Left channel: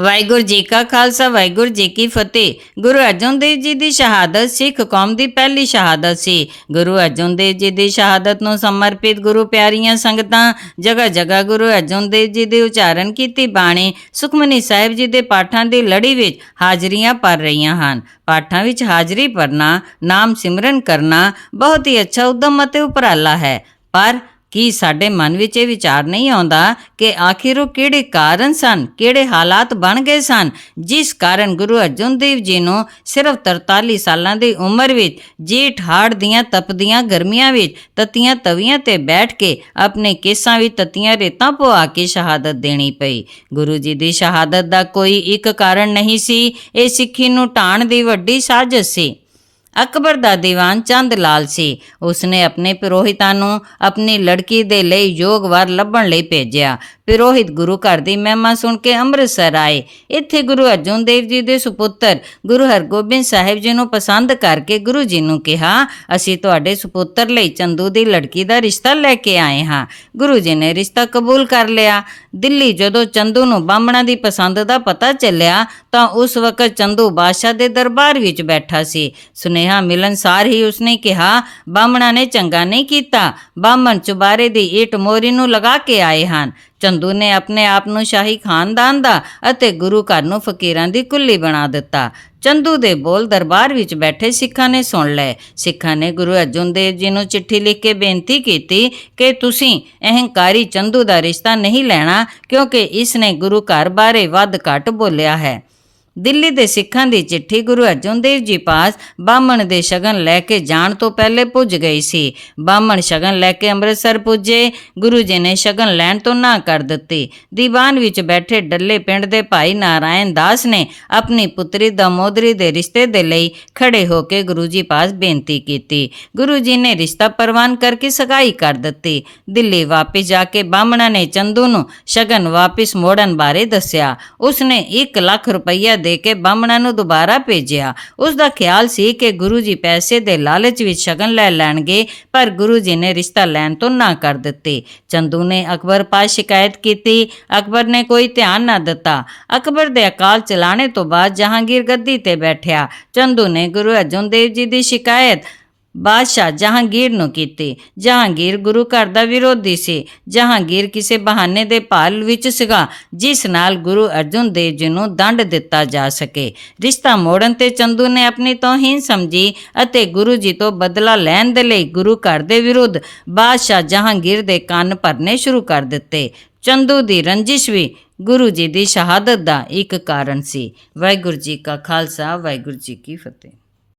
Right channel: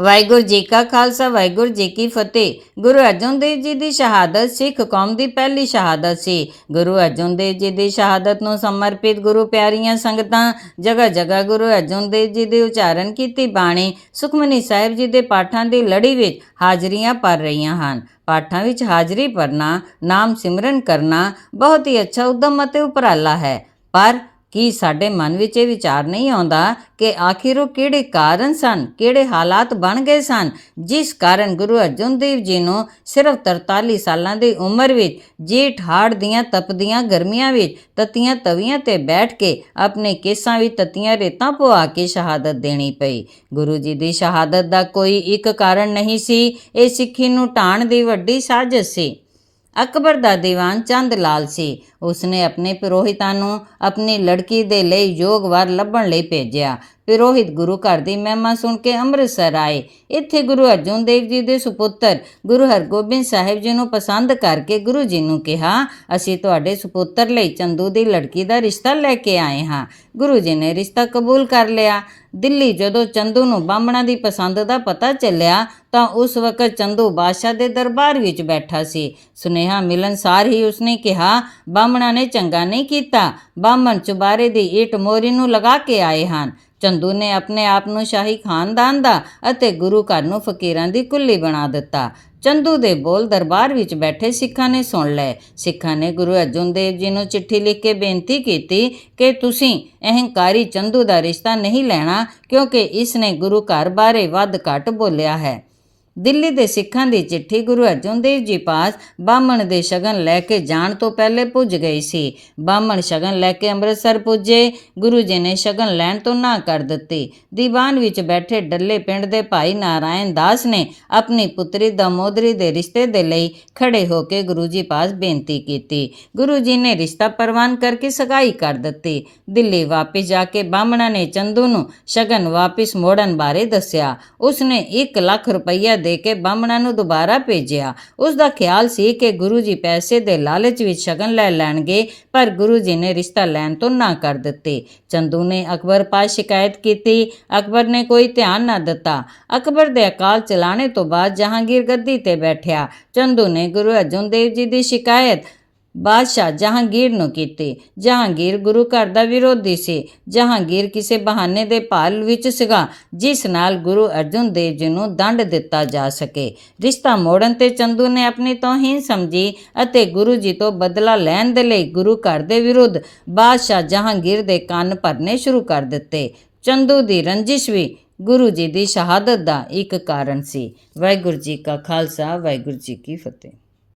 ਵਾਹਿਗੁਰੂ ਜੀ ਕਾ ਖਾਲਸਾ, ਵਾਹਿਗੁਰੂ ਜੀ ਕੀ ਫਤਿਹ। ਗੁਰੂ ਅਰਜਨ ਦੇਵ ਜੀ ਦੀ ਸ਼ਹਾਦਤ ਸਿੱਖ ਕੌਮ ਦੀ ਪਹਿਲੀ ਸ਼ਹਾਦਤ ਸੀ। ਗੁਰੂ ਅਰਜਨ ਦੇਵ ਜੀ ਦੀ ਸ਼ਹਾਦਤ ਨੂੰ ਸਮਰਪਿਤ ਗੁਰੂ ਪਿਆਰੀਆਂ ਸੰਗਤਾਂ ਜਗ੍ਹਾ ਜਗ੍ਹਾ ਗੁਰੂ ਅਰਜਨ ਦੇਵ ਜੀ ਦੇ ਉਚਾਰਨ ਕੀਤੀ ਬਾਣੀ ਸੁਖਮਨੀ ਸਾਹਿਬ ਜੀ ਦੇ ਪਾਠਾਂ ਦੀ ਲੜੀ ਵਿੱਚ ਹਾਜ਼ਰੀਆਂ ਭਰ ਰਹੀਆਂ ਹਨ। ਪਾਠਾਂ ਵਿੱਚ ਹਾਜ਼ਰੀ ਭਰਨਾ, ਨਾਮ ਸਿਮਰਨ ਕਰਨਾ ਬਹੁਤ ਹੀ ਅੱਛਾ, ਉਦਮ ਅਤੇ ਉਪਰਾਲਾ ਹੈ। ਪਰ ਕੀ ਸਾਡੇ ਮਨ ਵਿੱਚ ਇਹ ਵਿਚਾਰ ਨਹੀਂ ਆਉਂਦਾ ਕਿ ਆਖਿਰ ਉਹ ਕਿਹੜੇ ਕਾਰਨ ਸਨ, ਕਿਹੜੇ ਹਾਲਾਤ ਬਣ ਗਏ ਸਨ, ਜਿਸ ਕਾਰਨ ਗੁਰੂ ਅਰਜਨ ਦੇਵ ਜੀ ਨੂੰ ਸਿਰਫ 43 ਸਾਲਾਂ ਦੀ ਉਮਰ ਵਿੱਚ ਜੇਠ ਹਾੜ ਦੀਆਂ ਤਪਦੀਆਂ ਗਰਮੀਆਂ ਵਿੱਚ ਤਤੀਆਂ ਤਵੀਆਂ ਤੇ ਬੈਠ ਕੇ ਆਪਣੇ ਕੇਸਾਂ ਵਿੱਚ ਤਤੀਆਂ ਰੇਤਾਂ ਪਵਾ ਕੇ ਸ਼ਹਾਦਤ ਦੇਣੀ ਪਈ। ਗੁਰੂ ਜੀ ਦੀ ਸ਼ਹਾਦਤ ਦਾ ਕੋਈ ਇੱਕ ਕਾਰਨ ਨਹੀਂ ਸੀ, ਇਹ ਸਿੱਖੀ ਨੂੰ ਢਾਣ ਦੀ ਵੱਡੀ ਸਾਜ਼ਿਸ਼ ਸੀ। ਅਕਬਰ ਦਾ ਦੀਵਾਨ ਚੰਦ ਲਾਲ ਸੀ। ਉਸਨੇ ਆਪਣੇ ਪੁਰੋਹਿਤਾਂ ਨੂੰ ਆਪਣੀ ਲੜਕੀ ਦੇ ਲਈ ਯੋਗ ਵਰ ਲੱਭਣ ਲਈ ਭੇਜਿਆ। ਵਿਰੋਹਿਤ ਗੁਰੂ ਘਰ ਦੀ ਮਹਿਮਾ ਸੁਣ ਕੇ ਅੰਮ੍ਰਿਤਸਰ ਆਏ। ਇੱਥੇ ਗੁਰੂ ਅਰਜਨ ਦੇਵ ਜੀ ਦੇ ਸੁਪੁੱਤਰ ਗੁਰੂ ਹਰਗੋਬਿੰਦ ਸਾਹਿਬ ਜੀ ਨੂੰ ਪਸੰਦ ਕਰਕੇ ਗੁਰੂ ਜੀ ਨੂੰ ਕਿਹਾ, ਅਸੀਂ ਤੁਹਾਡੇ ਸੁਪੁੱਤਰ ਲਈ ਚੰਦੂ ਦੀ ਲੜਕੀ ਦਾ ਰਿਸ਼ਤਾ ਲੈ ਕੇ ਆਏ ਹਾਂ। ਗੁਰੂ ਜੀ ਨੇ ਰਿਸ਼ਤਾ ਕਬੂਲ ਕਰ ਲਿਆ। ਦਿੱਲੀ ਜਦੋਂ ਚੰਦੂ ਨੂੰ ਬਾਹਮਣਾ ਦੀ ਪਸੰਦ ਦਾ ਪਤਾ ਚੱਲਿਆ, ਤਾਂ ਉਸ ਵਕਤ ਚੰਦੂ ਬਾਦਸ਼ਾਹ ਦੇ ਦਰਬਾਰ ਵਿੱਚ ਬੈਠਾ ਸੀ। ਸੁਨੇਹਾ ਮਿਲਨ ਸਾਰ ਹੀ ਉਸਨੇ ਕਿਹਾ, ਬਾਹਮਣਾ ਨੇ ਚੰਗਾ ਨਹੀਂ ਕੀਤਾ। ਬਾਹਮਣ ਚੁਬਾਰੇ ਦੀ ਇੱਟ ਮੋਰੀ ਨੂੰ ਲਗਾ ਕੇ ਆਏ ਹਨ। ਚੰਦੂ ਨੇ ਆਪਣੇ ਆਪ ਨੂੰ ਸ਼ਾਹੀ ਖਾਨਦਾਨ ਦਾ ਅਤੇ ਗੁਰੂ ਘਰ ਨੂੰ ਫਕੀਰਾਂ ਦੀ ਕੁੱਲੀ ਬਣਾ ਦਿੱਤਾ। ਚੰਦੂ ਦੇ ਬੋਲ ਦਰਬਾਰ ਵਿੱਚ ਬੈਠੇ ਸਿੱਖਾਂ ਨੇ ਸੁਣ ਲਏ। ਸਿੱਖਾਂ ਨੇ ਗੁਰੂ ਅਰਜਨ ਦੇਵ ਜੀ ਨੂੰ ਚਿੱਠੀ ਲਿਖ ਕੇ ਬੇਨਤੀ ਕੀਤੀ ਕਿ ਤੁਸੀਂ ਅਹੰਕਾਰੀ ਚੰਦੂ ਦਾ ਰਿਸ਼ਤਾ ਨਹੀਂ ਲੈਣਾ ਕਿਉਂਕਿ ਇਸ ਨੇ ਗੁਰੂ ਘਰ ਬਾਰੇ ਵੱਧ ਘੱਟ ਬੋਲਿਆ ਹੈ। ਦਿੱਲੀ ਦੇ ਸਿੱਖਾਂ ਦੀ ਚਿੱਠੀ ਗੁਰੂ ਅਰਜਨ ਦੇਵ ਜੀ ਪਾਸ ਬਾਹਮਣ ਦੇ ਸ਼ਗਨ ਲੈ ਕੇ ਜਾਣ ਤੋਂ ਪਹਿਲੇ ਪੁੱਜ ਗਈ ਸੀ। ਬਾਹਮਣ ਸ਼ਗਨ ਲੈ ਕੇ ਅੰਮ੍ਰਿਤਸਰ ਪੁੱਜੇ। ਗੁਰੂ ਜੀ ਨੇ ਸ਼ਗਨ ਲੈਣ ਤੋਂ ਨਾ ਕਰ ਦਿੱਤੀ। ਦੀਵਾਨ ਵਿੱਚ ਬੈਠੇ ਡੱਲੇ ਪਿੰਡ ਦੇ ਭਾਈ ਨਾਰਾਇਣ ਦਾਸ ਨੇ ਆਪਣੀ ਪੁੱਤਰੀ ਦਮੋਦਰੀ ਦੇ ਰਿਸ਼ਤੇ ਦੇ ਲਈ ਖੜੇ ਹੋ ਕੇ ਗੁਰੂ ਜੀ ਪਾਸ ਬੇਨਤੀ ਕੀਤੀ। ਗੁਰੂ ਜੀ ਨੇ ਰਿਸ਼ਤਾ ਪ੍ਰਵਾਨ ਕਰਕੇ ਸਗਾਈ ਕਰ ਦਿੱਤੀ। ਦਿੱਲੀ ਵਾਪਸ ਜਾ ਕੇ ਬਾਹਮਣਾ ਨੇ ਚੰਦੂ ਨੂੰ ਸ਼ਗਨ ਵਾਪਸ ਮੋੜਨ ਬਾਰੇ ਦੱਸਿਆ। ਉਸਨੇ 1 ਲੱਖ ਰੁਪਈਆ ਦੇ ਕੇ ਬਾਹਮਣਾ ਨੂੰ ਦੁਬਾਰਾ ਭੇਜਿਆ। ਉਸ ਦਾ ਖਿਆਲ ਸੀ ਕਿ ਗੁਰੂ ਜੀ ਪੈਸੇ ਦੇ ਲਾਲਚ ਵਿੱਚ ਸ਼ਗਨ ਲੈ ਲੈਣਗੇ, ਪਰ ਗੁਰੂ ਜੀ ਨੇ ਰਿਸ਼ਤਾ ਲੈਣ ਤੋਂ ਨਾ ਕਰ ਦਿੱਤੇ। ਚੰਦੂ ਨੇ ਅਕਬਰ ਪਾਸ ਸ਼ਿਕਾਇਤ ਕੀਤੀ। ਅਕਬਰ ਨੇ ਕੋਈ ਧਿਆਨ ਨਾ ਦਿੱਤਾ। ਅਕਬਰ ਦੇ ਅਕਾਲ ਚਲਾਣੇ ਤੋਂ ਬਾਅਦ ਜਹਾਂਗੀਰ ਗੱਦੀ ਤੇ ਬੈਠਿਆ। ਚੰਦੂ ਨੇ ਗੁਰੂ ਅਰਜਨ ਦੇਵ ਜੀ ਦੀ ਸ਼ਿਕਾਇਤ ਬਾਦਸ਼ਾਹ ਜਹਾਂਗੀਰ ਨੂੰ ਕੀਤੀ। ਜਹਾਂਗੀਰ ਗੁਰੂ ਘਰ ਦਾ ਵਿਰੋਧੀ ਸੀ। ਜਹਾਂਗੀਰ ਕਿਸੇ ਬਹਾਨੇ ਦੇ ਭਾਲ ਵਿੱਚ ਸੀਗਾ, ਜਿਸ ਨਾਲ ਗੁਰੂ ਅਰਜਨ ਦੇਵ ਜੀ ਨੂੰ ਦੰਡ ਦਿੱਤਾ ਜਾ ਸਕੇ। ਰਿਸ਼ਤਾ ਮੋੜਨ ਤੇ ਚੰਦੂ ਨੇ ਆਪਣੀ ਤੋਹੀਨ ਸਮਝੀ ਅਤੇ ਗੁਰੂ ਜੀ ਤੋਂ ਬਦਲਾ ਲੈਣ ਦੇ ਲਈ ਗੁਰੂ ਘਰ ਦੇ ਵਿਰੁੱਧ ਬਾਦਸ਼ਾਹ ਜਹਾਂਗੀਰ ਦੇ ਕੰਨ ਭਰਨੇ ਸ਼ੁਰੂ ਕਰ ਦਿੱਤੇ। ਚੰਦੂ ਦੀ ਰੰਜਿਸ਼ ਵੀ ਗੁਰੂ ਜੀ ਦੀ ਸ਼ਹਾਦਤ ਦਾ ਇੱਕ ਕਾਰਨ ਸੀ। ਵਾਹਿਗੁਰੂ ਜੀ ਕਾ ਖਾਲਸਾ, ਵਾਹਿਗੁਰੂ ਜੀ ਕੀ ਫਤਿਹ।